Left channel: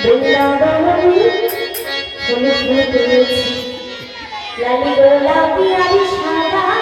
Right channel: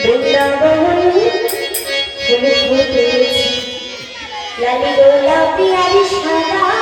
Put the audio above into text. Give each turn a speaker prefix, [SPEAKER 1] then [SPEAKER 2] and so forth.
[SPEAKER 1] বৃন্দাবন ফুল লালি গোলাপি আর সাদা